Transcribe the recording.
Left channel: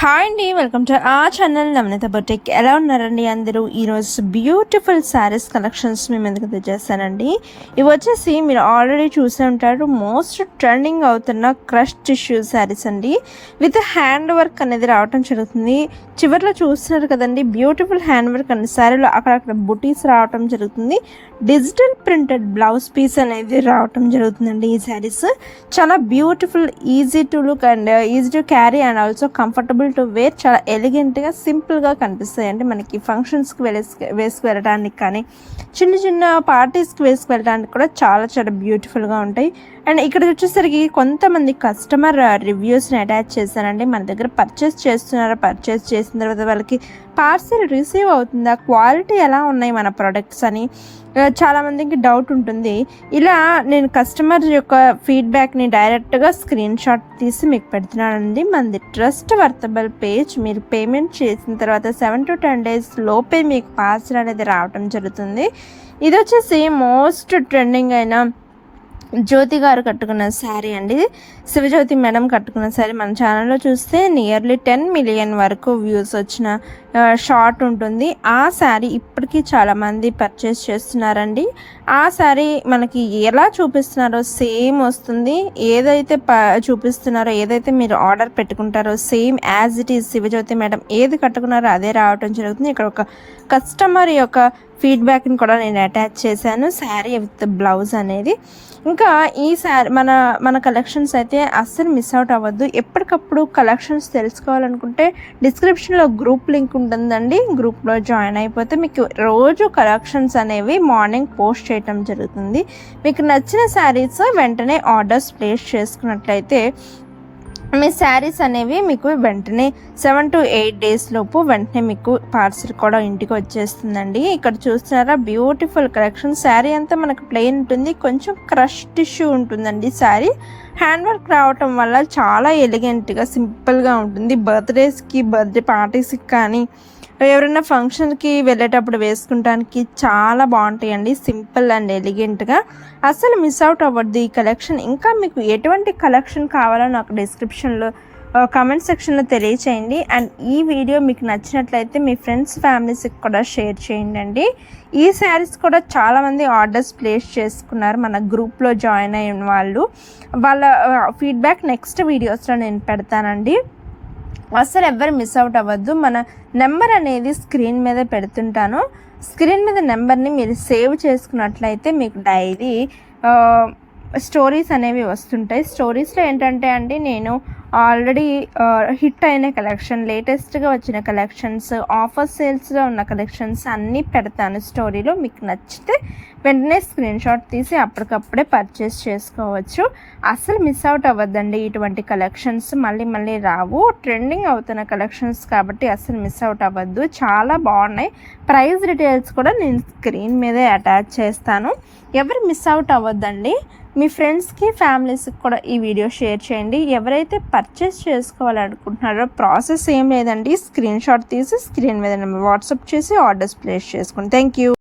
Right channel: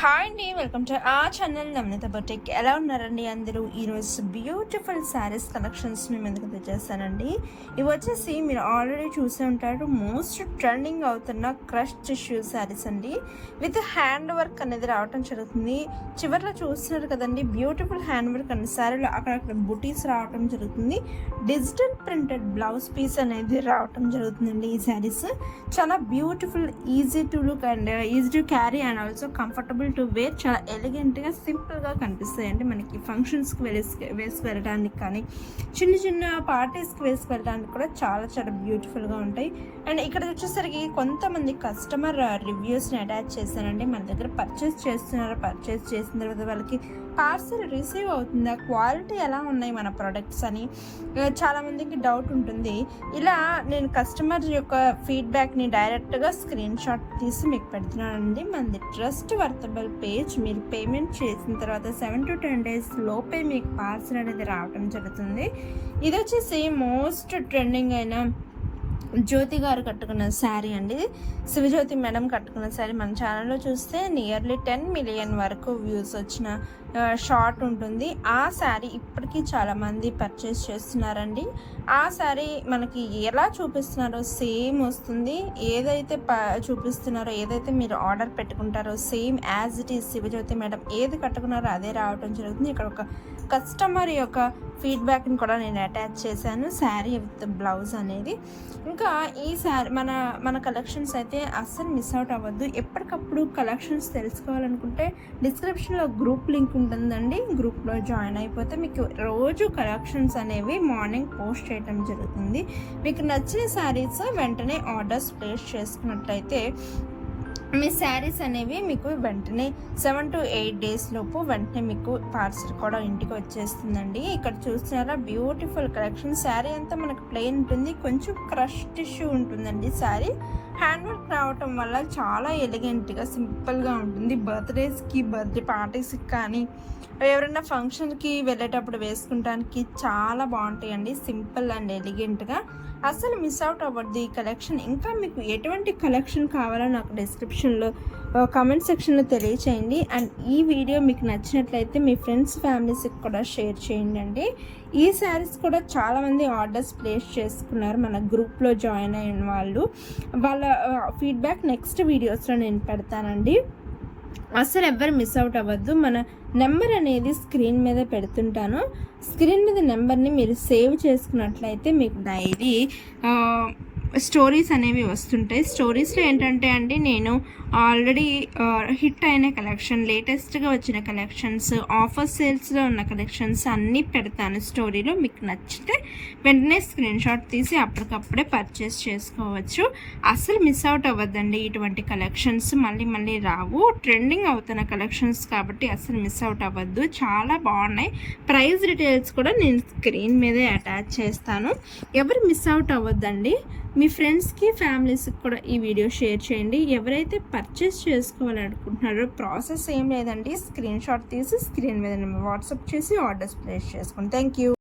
Hi అండి, welcome to ఆ channel నవనీత boutique. ఎలా ఉన్నారండి అందరూ? ఈరోజు బ్యూటిఫుల్ శారీస్ కలెక్షన్స్ మేము ఎందుకు తెచ్చేస్తానండి. ఇవి వచ్చేసి మీరు ఆల్రెడీ చూసే ఉంటారు, మోస్ట్ ట్రెండింగ్ అవుతున్న క్రష్ టిష్యూ శారీస్ అండి. విత్ హ్యాండ్ వర్క్ అనేది రావటం జరుగుతుంది. చివరిలో చూస్తున్నారు కదండి, బ్యూటిఫుల్ హ్యాండ్ వర్క్ అండి. శారీలో అక్కడక్కడ బుటీస్ రావటం జరుగుతుంది. డిజిటల్ ప్రింటెడ్ బ్లౌజ్ పీస్ అనేది రావటం జరుగుతుందండి. ఈ శారీస్ చాలా beautiful, easy to look and easy to carry and also comfortable to wear. చాలా ఎలిగెంట్గా, సింపుల్గా కనిపిస్తాయి అండి. మనకి ఫంక్షన్స్కి వేసుకు వెళ్ళడానికి కానీ, చిన్న చిన్న పార్టీస్కి వేసుకు వెళ్ళడానికి కూడా చాలా చాలా బ్యూటిఫుల్గా ఉంటాయి. అండ్ ఇక్కడ వచ్చేసరికి కొంతమంది కస్టమర్ రివ్యూస్ని అటాచ్ చేశానండి. మన దగ్గర పర్చేస్ చేస్తున్నారా, పర్చేస్ చేసిన తర్వాత వాళ్ళకి పార్సెల్ రిసీవ్ అవుతుందా, క్వాలిటీ ఎలా ఉన్నాయి మన ప్రొడక్ట్స్ అని చాలామందికి డౌట్ ఉంటుంది. ఇలా నేను కస్టమర్ యొక్క ఫీడ్బ్యాక్ని డైరెక్ట్గా స్క్రీన్ షాట్ తీసి మీకు పెడుతున్నానండి. మనది ట్రస్ట్ వర్తబుల్ పేజ్. మీరు పేమెంట్ చేసిన తర్వాత 7 to 10 days లోపే మీకు పార్సెల్ అనేది రావటం జరుగుతుంది. ఇది వచ్చేసి మోస్ట్ ట్రెండింగ్ అయిన జ్యోతి గారు కట్టుకున్న శారీ అండి. శివజ్యోతి మేడం కట్టుకున్న శారీ. మన ఛానల్లో చూస్తే నియర్లీ 10 million వరకు వ్యూస్ వచ్చిన షార్ట్ ఉంటుంది. ఆ శారీ ఇప్పటికీ చాలామంది పర్చేస్ చేస్తున్నారండి. ఆ శారీ మనకి ఎలా చూపిస్తున్నారో సేమ్ వస్తుంది. ఏదైతే చూపిస్తున్నారో, ఏదైతే మీరు ఆర్డర్ పెట్టుకుంటారో same as it is Shivajyothi madam ఏది కట్టుకున్నారో అదే రావటం జరుగుతుంది. ఇక్కడ ఒక కస్టమర్ యొక్క ఫీడ్బ్యాక్ని కూడా నేను అటాచ్ చేశాను, శారీ విత్ బ్లౌజ్ అనేది. ఇంకా ఈ శారీ మన కలెక్షన్స్ అయితే అస్సలు మిస్ అవుట్ అవ్వద్దు. ఎప్పటికప్పుడు కలెక్షన్స్ తెలుసుకోవాలనుకుంటే డిస్క్రిప్షన్లో గ్రూప్ లింక్ ఉంటుందండి. గ్రూప్లో జాయిన్ అయిపోతే మీకు రోజు కలెక్షన్స్ అనేవి మార్నింగ్ పోస్ట్ చేయటం జరుగుతుంది. మీకు నచ్చిన శారీస్ వెంటనే ఆర్డర్స్ ప్లేస్ చేసుకున్నట్లయితే మీ శారీస్ అనేవి మీకు వెంటనే 7 to 8 days లోపు వెంటనే మీకు పార్సల్ కూడా ఇంటికి వచ్చేస్తుందండి. ఇక్కడ చూస్తున్నారా, బ్యూటిఫుల్ కలెక్షన్. శారీ అంతా మనకు ప్లెయిన్ ఉంటుంది, కొంచెం క్రష్ టిష్యూ ఉంటుందండి. శారీ హ్యాండ్ వర్క్ రావటం వల్ల చాలా ఎలిగెంట్గా, సింపుల్గా ఉంటుంది. బర్త్డే పార్టీస్కి కానీ ఎవరైనా ఫంక్షన్కి వెళ్ళేటప్పుడు వేసుకుంటానికి చాలా బాగుంటాయండి. సింపుల్ అండ్ ఎలిగెంట్గా. అసలు మిస్ అవుట్ అవ్వద్దు ఈ కలెక్షన్. ఇంకా మీకు ఎటువంటి కలెక్షన్ కావాలో నాకు డిస్క్రిప్షన్లో కామెంట్ సెక్షన్లో తెలియచేయండి. అండ్ ఈ వీడియో మీకు నచ్చినట్లయితే మీ ఫ్రెండ్స్, ఫ్యామిలీస్కి కూడా షేర్ చేయండి. ఈ శారీస్ కూడా చాలామంది ఆర్డర్స్ ప్లేస్ చేసుకున్నారు మన గ్రూప్లో జాయిన్ అయిన వాళ్ళు. వాళ్ళ ఫీడ్బ్యాక్ నెక్స్ట్ వీడియోస్లో నేను పెడతానండి. అసలు ఎవ్వరు మిస్ అవుట్ అవ్వద్దు. మన నెంబర్ అనేది స్క్రీన్ మీద పెడుతుంటాను. స్క్రీన్ మీద నెంబర్ని మీరు సేవ్ చేసుకున్నట్లయితే మీకు డైలీ స్టోరీస్ అనేవి వస్తుంటాయి. స్టోరీస్లో ఏంటంటే అండి, నేను ఆల్రెడీ హిట్ అయిన కలెక్షన్, లేటెస్ట్గా వచ్చిన కలెక్షన్స్, ఆఫర్ సేల్స్లో ఉన్న కలెక్షన్స్ అన్నీ పెడతాను స్టోరీలో. మీకు నచ్చితే వెంటనే స్క్రీన్ షాట్ తీసి అప్పటికప్పుడే పర్చేస్ చేసుకోవచ్చు. అసలు మిస్ అవుట్ అవ్వద్దండి. ఇటువంటి కలెక్షన్స్ మళ్ళీ మళ్ళీ రావు. ట్రెండింగ్ అవుతున్న కలెక్షన్స్ కాబట్టి అసలు మిస్ అవుట్ అవ్వద్దు. చాలా బాగున్నాయి. ప్రైస్ డీటెయిల్స్ కూడా నేను స్క్రీన్ మీదే అటాచ్ చేస్తాను. ఎవరు మిస్ అవుట్ అవ్వద్దండి. మీ ఫ్రెండ్స్కి, ఫ్యామిలీస్కి కూడా ఈ వీడియో షేర్ చేయండి. ఎవరైతే పర్చేస్ చేసుకోవాలనుకుంటున్నారో ప్రాసెస్ ఏం లేదండి, స్క్రీన్ షాట్ తీసి స్క్రీన్ మీద వాట్సాప్ చేసి ఆర్డర్స్ ప్లేస్ చేసుకోండి. Thank you.